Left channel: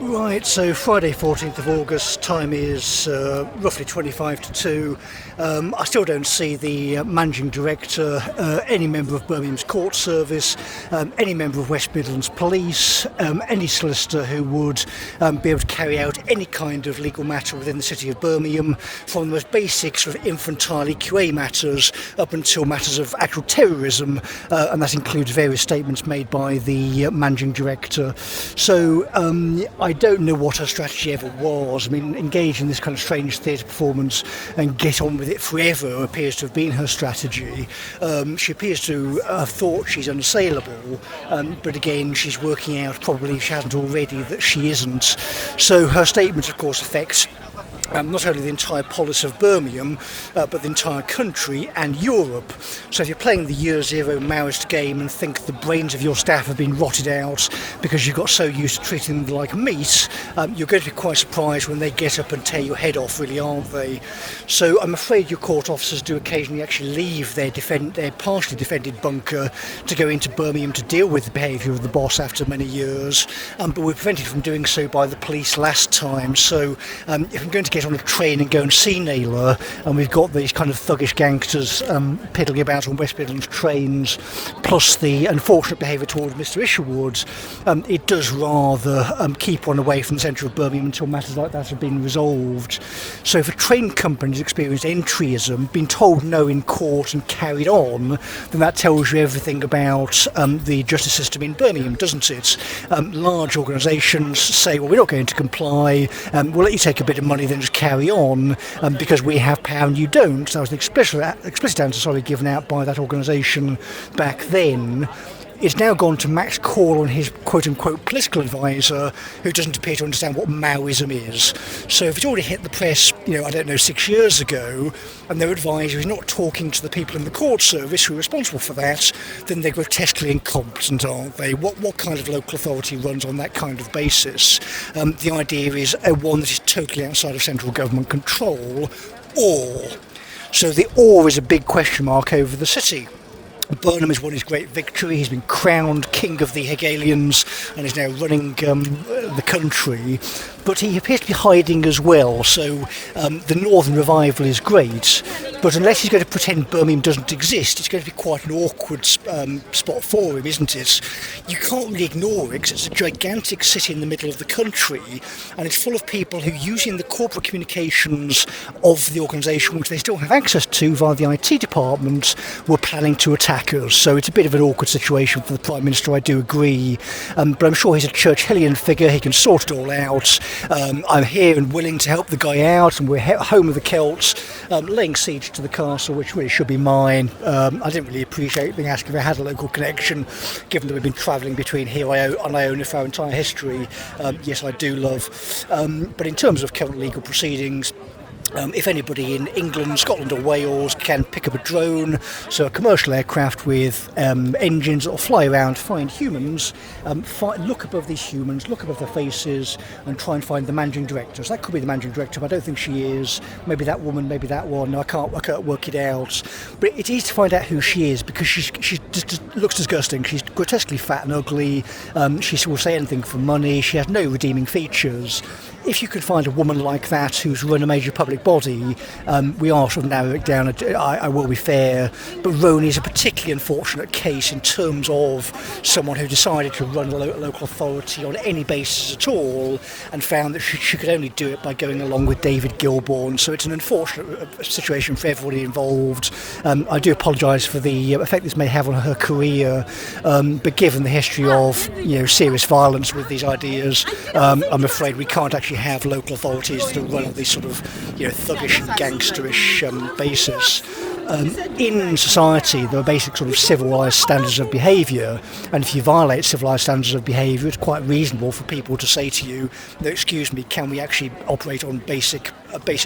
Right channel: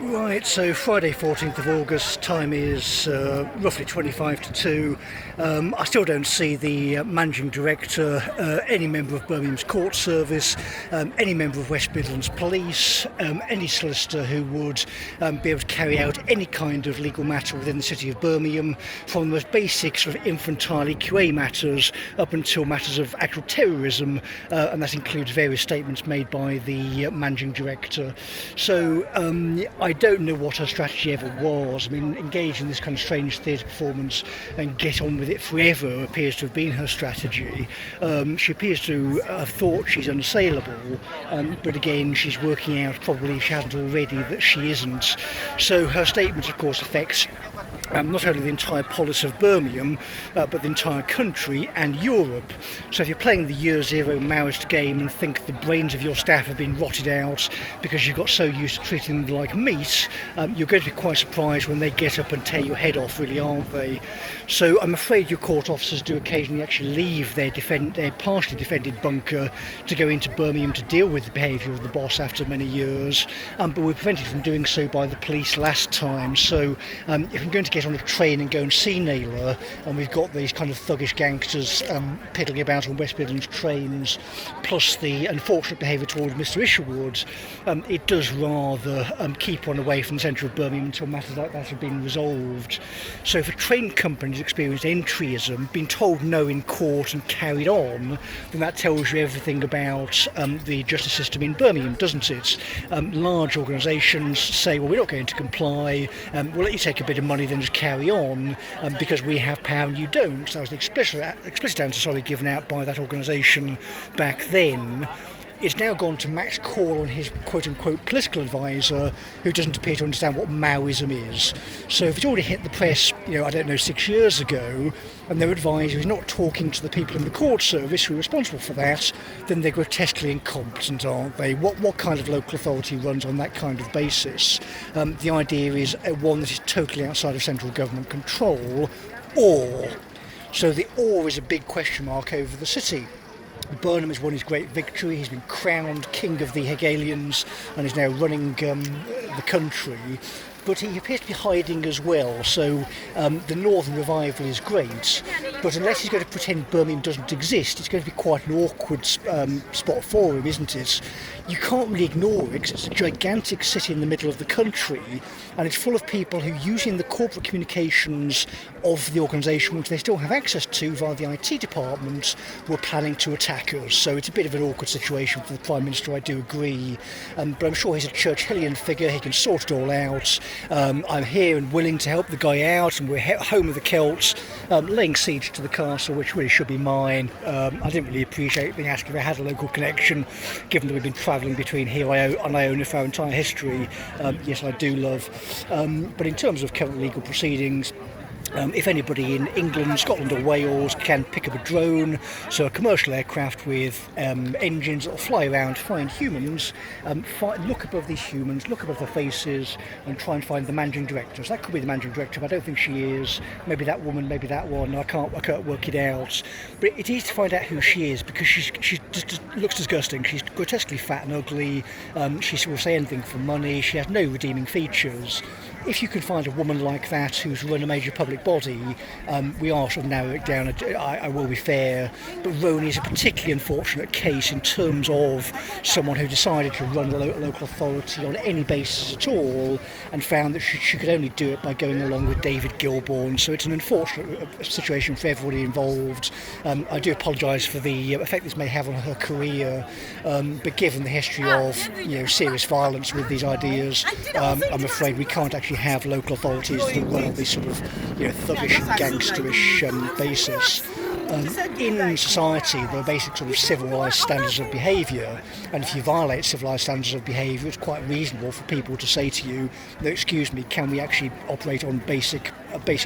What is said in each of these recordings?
Right, so Friday 14th of August, time is roughly 25 to 2. I still don't see the managing director, any member of Birmingham's court service, any member of West Midlands Police, any solicitor who would be able to carry out any kind of legal matter within the city of Birmingham, from the most basic sort of infantile EQA matters up until matters of actual terrorism, and that includes various statements made by the managing director. So I don't know what her strategy ever was. I mean, engage in this kind of strange theatre performance and get on with it forever appears to have been her strategy. She appears to have thought she's unassailable, but again, she's working out, probably if she hasn't already, that she isn't. So her statement, of course, affects not only the entire polis of Birmingham, but the entire country and Europe. So if you're playing the Year Zero Maoist game and think the brains of your staff have been rotted out because you've got so used to treating them like meat, you're going to be quite surprised when they get up and tear your head off, really, aren't they? So I'm afraid your court officers do occasionally actually leave their partially defended bunker to go into Birmingham to deal with the behaviour of the boss after many years, but we're prevented from doing so by the police last time. So if I'm going to get on a train and go and see Naylor, and we've got these kind of thuggish gangsters piddling about on West Midlands trains, plus the unfortunate behaviour towards Mr Isherwood, it does rather keep one away from the centre of Birmingham until matters like that have been resolved. So if a train company's experienced entryism, been told no in court and carried on, then that tells you everything about the justice system in Birmingham, doesn't it? Large organisations say, well, we're not going to comply, we'll let you take a bit of money, then just carry on, because we have power and you don't. So that was an explicit answer given out by that organisation back then. It's now gone to Max Call on his quote-unquote political advisor, who doesn't appear to understand what Maoism is. So if it's already hit the press, 6 years ago, and their advisor is not talking to the people in the court service who are responsible for that, then they're grotesquely incompetent, aren't they? What kind of local authority runs on that kind of basis? The idea is one that is totally outside of central government control, or. So the or is a big question mark over the city. Burnham has won his great victory. He's been crowned King of the Hegelians and is now running the country. But he appears to be hiding as well, so the Northern Revival is great, but unless he's going to pretend Birmingham doesn't exist, it's going to be quite an awkward spot for him, isn't it? You can't really ignore it, because it's a gigantic city in the middle of the country, and it's full of people who, using the corporate communications of the organisation, which they still have access to via the IT department, were planning to attack us. So it's a bit of an awkward situation for the Prime Minister, I do agree, but I'm sure he's a Churchillian figure, he can sort it all out. I'm here and willing to help the guy out, and we're home of the Celts, laying siege to the castle, which really should be mine. I didn't really appreciate being asked if I had a local connection, given that we've been travelling between here and Iona for our entire history. Yes, I do love. But in terms of current legal proceedings, if anybody in England, Scotland or Wales can pick up a drone, so a commercial aircraft with engines that will fly around, find humans, look above these humans, look above their faces and try and find the managing director. So that could be the managing director, but I don't think she is. Maybe that woman, maybe that one. I can't work it out. But it's easy to find out who she is, because she just looks disgusting. She's grotesquely fat and ugly. She will say anything for money. She has no redeeming features. If you could find a woman like that who's run a major public body, we are sort of narrowing it down. I will be fair, but Rowan is a particularly unfortunate case in terms of someone who decided to run a local authority on any basis at all, and found that she could only do it by going along with David Gilbourne. So it's an unfortunate situation for everybody involved. I do apologise for the effect this may have on her career, but given the history of serious violence with these ideas, I'm afraid we can't actually have local authorities that run on this sort of thuggish and gangsterish basis. In society, there are basic sort of civilised standards of behaviour, and if you violate civilised standards of behaviour, it's quite reasonable for people to say to you, no, excuse me, can we actually operate on basic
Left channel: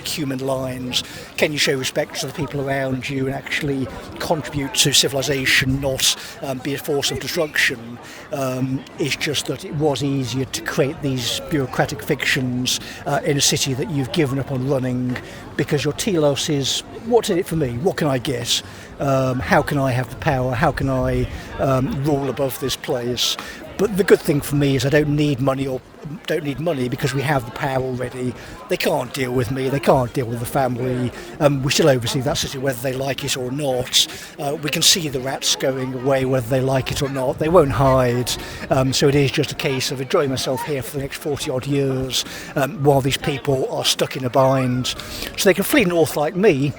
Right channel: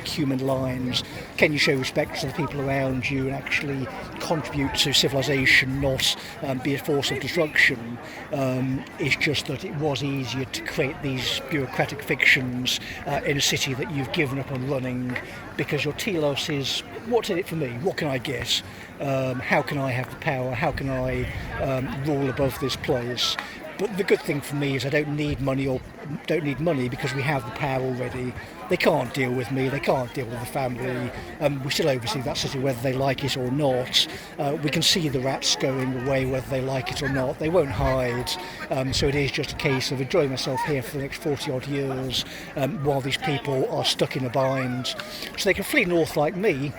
human lines? Can you show respect to the people around you and actually contribute to civilisation, not be a force of destruction? It's just that it was easier to create these bureaucratic fictions in a city that you've given up on running, because your telos is, what's in it for me? What can I get? How can I have the power? How can I rule above this place? But the good thing for me is I don't need money because we have the power already. They can't deal with me, they can't deal with the family. We still oversee that city whether they like it or not. We can see the rats going away whether they like it or not. They won't hide. So it is just a case of enjoying myself here for the next 40 odd years while these people are stuck in a bind. So they can flee north like me,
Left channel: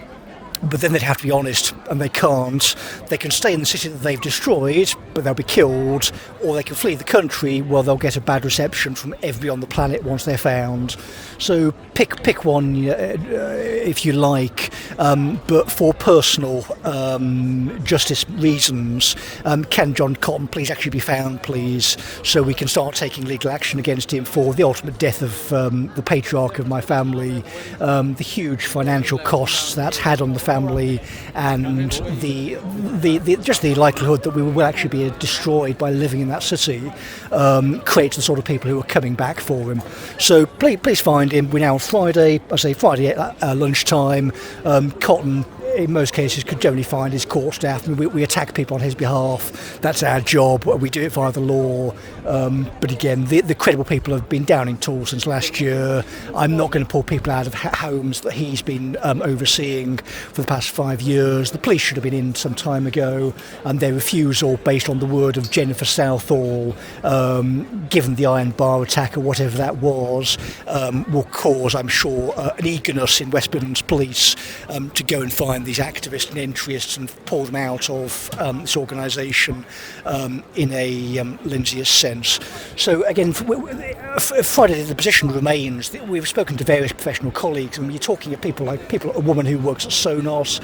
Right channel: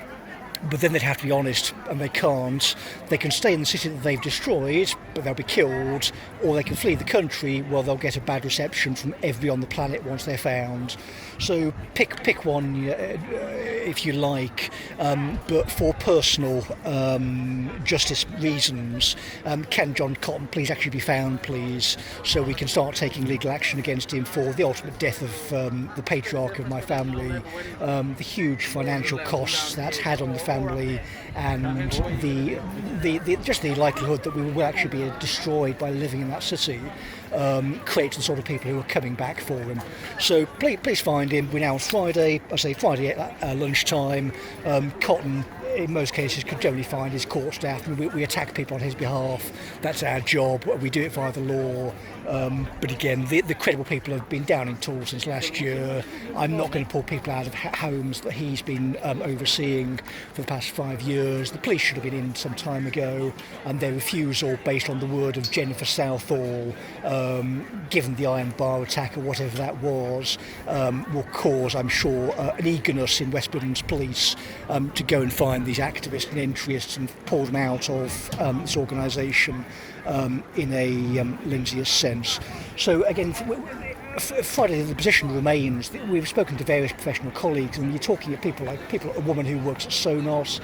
but then they'd have to be honest, and they can't. They can stay in the city that they've destroyed, but they'll be killed, or they can flee the country where they'll get a bad reception from everyone on the planet once they're found. So pick one if you like, but for personal justice reasons, can John Cotton please actually be found, please, so we can start taking legal action against him for the ultimate death of the patriarch of my family, the huge financial costs that's had on the family, and the just the likelihood that we will actually be destroyed by living in that city creates the sort of people who are coming back for him. So please find him. We're now on Friday, at lunchtime. Cotton, in most cases, could generally find his court staff. I mean, we attack people on his behalf. That's our job. We do it via the law. But again, the credible people have been down in tools since last year. I'm not going to pull people out of homes that he's been overseeing for the past 5 years. The police should have been in some time ago, and their refusal, based on the word of Jennifer Southall, given the iron bar attack or whatever that was, will cause, I'm sure, an eagerness in West Midlands Police to go and find these activists and interests and pull them out of this organisation in a Lindsayist sense. So again, Friday, the position remains. We've spoken to various professional colleagues, and you're talking at people like a woman who works at Sonos,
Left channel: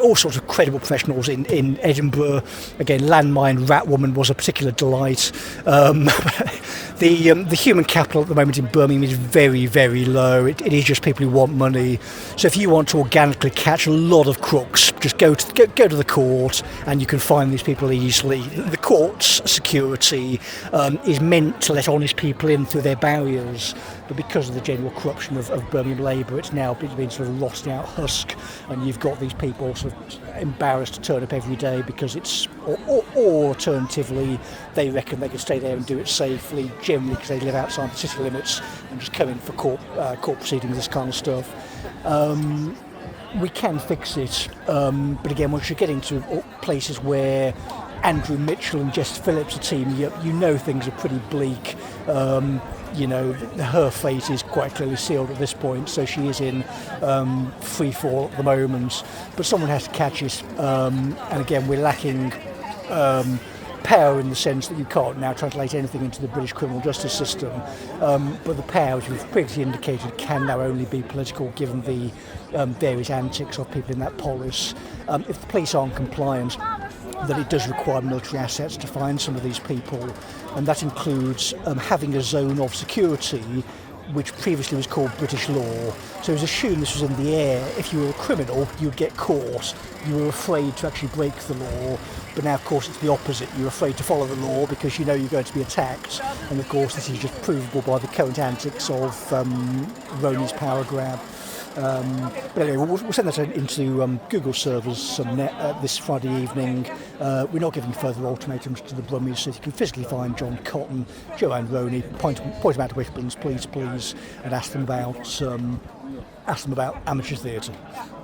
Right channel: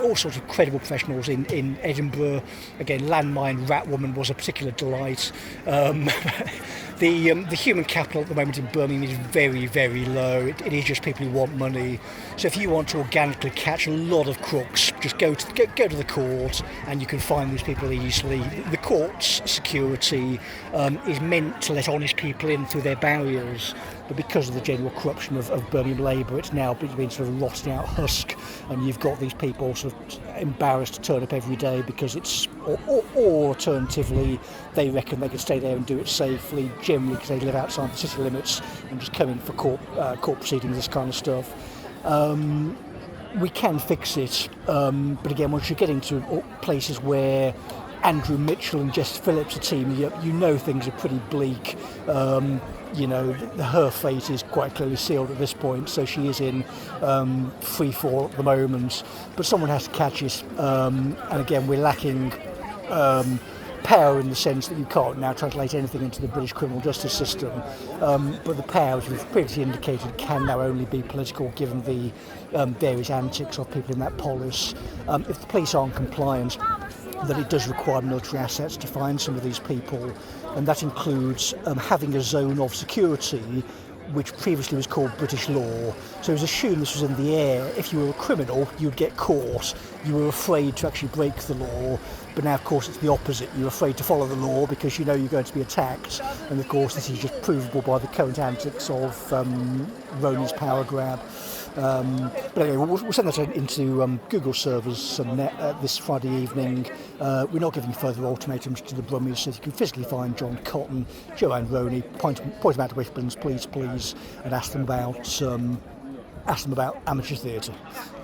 all sorts of credible professionals in Edinburgh. Again, Landmine Rat Woman was a particular delight. The human capital at the moment in Birmingham is very, very low. It is just people who want money. So if you want to organically catch a lot of crooks, just go to the court, and you can find these people easily. The court's security is meant to let honest people in through their barriers, but because of the general corruption of Birmingham Labour, it's now been sort of rotting out husk, and you've got these people sort of embarrassed to turn up every day because it's, or alternatively, they reckon they can stay there and do it safely, generally because they live outside the city limits and just come in for court proceedings, this kind of stuff. We can fix it, but again, once you get into places where Andrew Mitchell and Jess Phillips are teaming up, you know things are pretty bleak. Her fate is quite clearly sealed at this point, so she is in free fall at the moment, but someone has to catch it, and again, we're lacking power in the sense that you can't now translate anything into the British criminal justice system, but the power, as we've previously indicated, can now only be political given the various antics of people in that polis. If the police aren't compliant, then it does require military assets to find some of these people, and that includes having a zone of security which previously was called British law. So it was assumed this was in the air. If you were a criminal, you would get caught. You were afraid to actually break the law, but now of course it's the opposite. You're afraid to follow the law because you know you're going to be attacked, and of course this is just provable by the current antics of Roney's power grab. But anyway, we'll send that into Google servers this Friday evening. We're not giving further ultimatums to the Brummies, so if you can physically find John Cotton, Joanne Roney, point them out to Wishburns, please, and ask them about amateur theatre.